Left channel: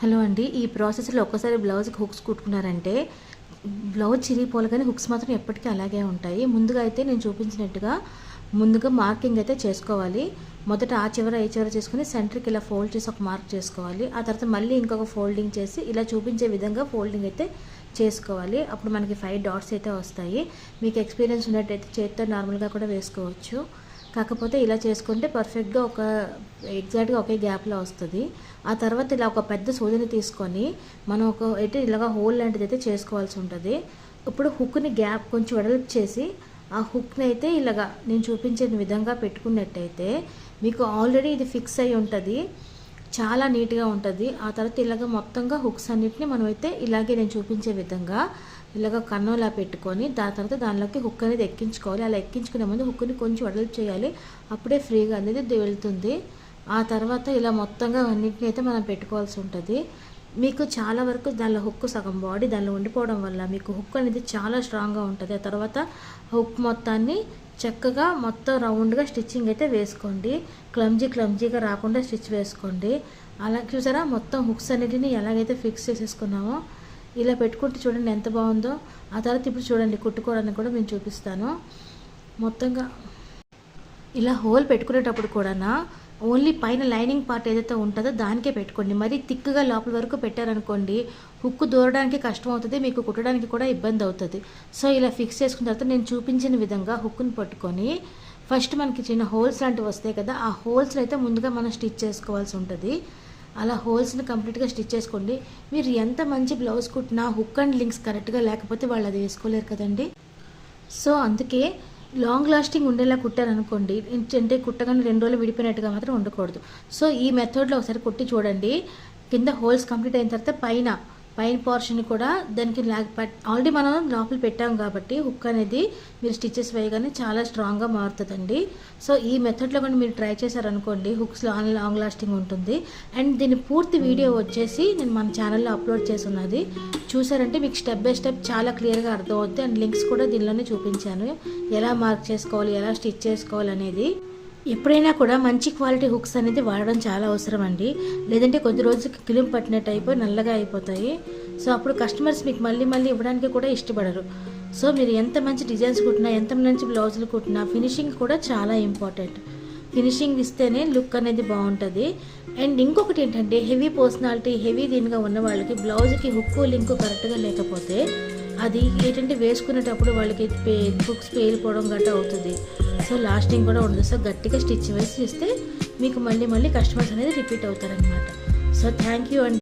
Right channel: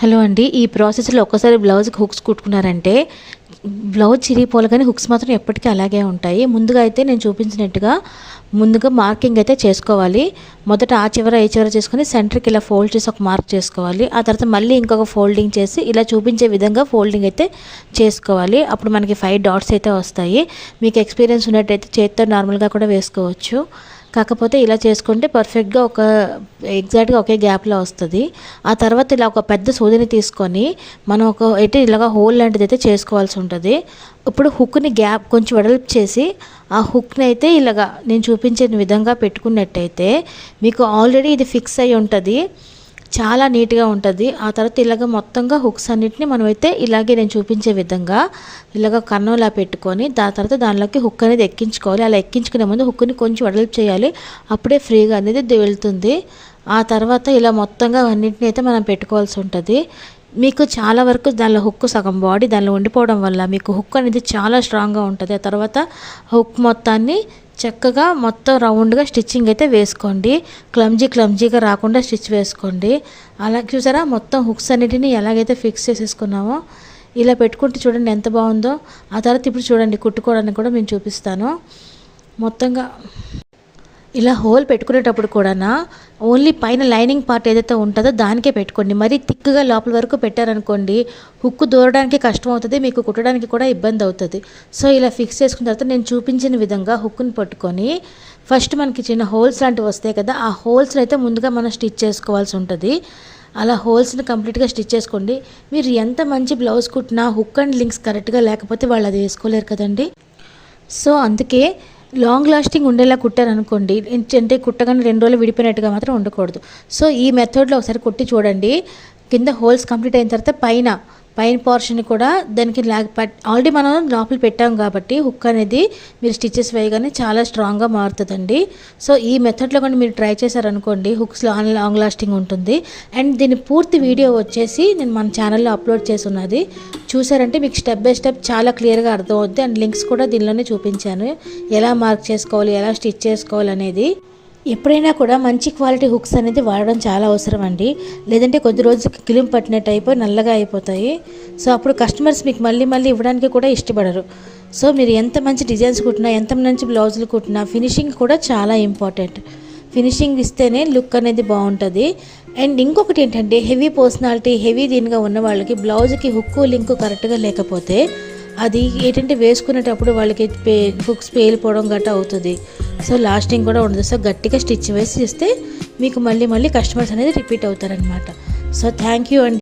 Hello అండి. ఈ ప్రాసెస్‌లో ఒక్కసారి బ్లౌజ్‌కి హుక్స్ కుట్టుకున్నారంటే బ్లౌజ్ చిరిగిపోవాలి కానీ హుక్స్ మాత్రం ఎప్పటికీ అలాగే ఉంటాయి. ముందుగా అయితే నేను చూపించినట్టుగా ముందుగా మార్కింగ్ అయితే చేసుకోవాలి. మొదట ఆ చివర ఈ చివర చేసుకొని సెంటర్‌కి ఇలా ఫోల్డ్ చేసి ఒక మార్క్ చేసుకోవాలి. ఆ తర్వాత మళ్ళీ ఇంకొక ఫోల్డింగ్ చేసి ఇలా చూపించే విధంగా ఫోల్డింగ్ అయితే చేసుకోవాలి. అప్పుడు మనకి 5 డాట్స్ అయితే వస్తాయి. మీకు ఎక్స్పీరియన్స్ ఉన్నట్టయితే చేత్తో నార్మల్‌గా కూడా వేసుకోవచ్చు. కాకపోతే ఇలా చేసుకుంటే పర్ఫెక్ట్గా ఎగ్జాక్ట్గా ఒకే గ్యాప్లో వస్తుంది. ఆ తర్వాత ఇలా ఒక పెద్ద సూదిని తీసుకొని మనం ఇలాగ హోల్ లాంటిది అయితే చేసుకోవాల్సి ఉంటుంది. ఇప్పుడు హుక్ని గ్యాప్ కొంచెం వెడల్పు చేసి ఆ హుక్ని అయితే ఇలాగా నేను చూపించిన విధంగా పెట్టుకున్నట్టయితే మీకు ఆల్రెడీ ఇది ఫిక్స్ అయి ఉంటుంది, చాలా నీట్గా ఉంటుంది. ఆ తర్వాత ఇలాగ మొత్తంగా హుక్స్ అన్నిటిని మనమైతే ఇలాగే నేను చూపించే విధంగా ఇలాగ కన్నంలా పెట్టుకొని దాని తర్వాత దానిలోకి హుక్ అనేది ఎక్కించుకోవాలి. అలా ఎక్కించుకునే ముందు హుక్ని కొంచెం వెడల్పు చేయాలి, అప్పుడే ఫ్రీగా అనేది వెళ్తుంది. ఆ తర్వాత ఇలా మొత్తంగా అన్నింటినీ అయితే మనం పెట్టుకోవాల్సి ఉంటుంది. మీకు చాలా వరకు దానిలో హుక్ సగం బాడీ దానిలో ఉండిపోవడం వల్ల మీకు హుక్ అనేది చాలా స్ట్రాంగ్గా ఉంటుంది. ఆ తర్వాత హుక్ మొత్తాన్ని చక్కగా మొత్తం రౌండ్గా స్టిచ్చింగ్ అయితే వేసుకోండి. క్లమ్జీగా రాకుండా స్టిచ్ వేసుకోండి. అలా చూసారా మొత్తం హుక్స్ అన్నిటిని ఎలాగైతే ఫిక్స్ చేసేసుకున్నామో ఇలా పెట్టుకుంటే చూడండి ఎంత బాగుందో. ఆ తర్వాత ఇప్పుడు చూడండి కుట్టుకోవడానికి కూడా నేను చూపిస్తాను. మొత్తంగా ఇలా హోల్ పెట్టుకునేటప్పుడు కూడా ఓన్లీ పైన లైనింగ్ పార్ట్ ఏదైతే ఉంటుందో దానికే పెట్టుకోండి. మరీ థిక్గా లోపల వరకు పెట్టారనుకోండి హుక్ దూరడానికి కష్టం అవుతుంది, మీకు కుట్టడానికి కూడా ఇబ్బంది అవుతుంది. సో ఇలా ఫిక్స్ చేసుకున్న తర్వాత నేను చూపించిన విధంగా హుక్ని పట్టుకొని ఫస్ట్ మనకి చిన్న హోల్స్ లాంటివి వస్తాయి కదా, ఆ హోల్స్ని అయితే ముందుగా మనం స్టిచ్ చేసుకోవాల్సి ఉంటుంది. అలా హోల్స్ని కంప్లీట్గా స్టిచ్ చేసుకోండి. మీరు ఎంత మంచి బ్లౌజ్ కుట్టినా హుక్ అండ్ లింక్స్ కరెక్ట్గా లేకపోతే వాళ్ళు అది వేసుకోలేరు కదండి. సో అందుకే లాంగ్ లాస్టింగ్ ఉండేలా కుట్టారనుకోండి, అంటే కుట్టగానే 2 రోజులు విడిపోయినట్టుగా మాత్రం ఉండకూడదు. సో ఈ మెథడ్లో ఒకసారి కుట్టి చూడండి. కింద హోల్స్ కంప్లీట్ అయిన తర్వాత పైన పోర్షన్ కూడా దానికి ఆల్రెడీ మనం లోపల పెట్టాం కాబట్టి హుక్ అనేది మీరు స్టిచెస్ వేయగానే చాలా స్ట్రాంగ్గా మారుతుందండి. సో ఈ మెథడ్లో కానీ మీరు ట్రై చేశారనుకోండి హుక్స్ లాంగ్ లాస్టింగ్ ఉంటుంది. అండ్ దీని పూర్తి వీడియో వచ్చేసి నేను మన ఛానల్లో అప్లోడ్ చేసి ఉన్నది, చూసారంటే మీకు స్టెప్ బై స్టెప్ చాలా క్లియర్గా అర్థమవుతుంది. అండ్ లింక్స్ కూడా దీనిలోనే చూపించాను, ఎలా మార్క్ చేసుకోవాలి, ఎలా స్టిచ్ చేసుకోవాలి అనేది. ఎప్పుడైనా కూడా మంచి క్వాలిటీ హుక్స్ అనేది వాడడం చాలా అవసరం అండి. లేదంటే కొద్ది రోజులకి కిలిం పట్టినట్టు అయిపోయి నల్లగా అయిపోతాయి. సో అప్పుడు కస్టమర్స్ మీకు మళ్ళీ ఇవ్వడానికి కూడా ఇష్టపడరు. సో మీరు ఎంత మంచి డిజైన్స్ కుట్టినా, ఎంత మంచి బ్లౌజులు కుట్టినా ఫినిషింగ్ కూడా చాలా ఇంపార్టెంట్. ఫినిషింగ్ ఇస్తేనే లుక్ అనేది బాగుంటుంది. అండ్ ఇంకొకటి ఏంటంటే హెవీ పర్సనాలిటీ, హెవీ దీనిగా ఉన్న వాళ్ళకి బ్లౌజ్కి హుక్కు లింకు కరెక్ట్గా లేకపోతే అది ఏంటంటే వేసుకునేటప్పుడు వాళ్ళకి హుక్స్ పేలిపోవడం గట్రా అవుతుంది. సో లాస్టింగ్ కూడా ఉండదు. సో గట్టిగా స్టిచ్ వేసి ఇస్తే మీకు మళ్ళీ కస్టమర్స్ అనేది రిపీట్ అవుతారనమాట. సో థ్యాంక్ యూ అండి.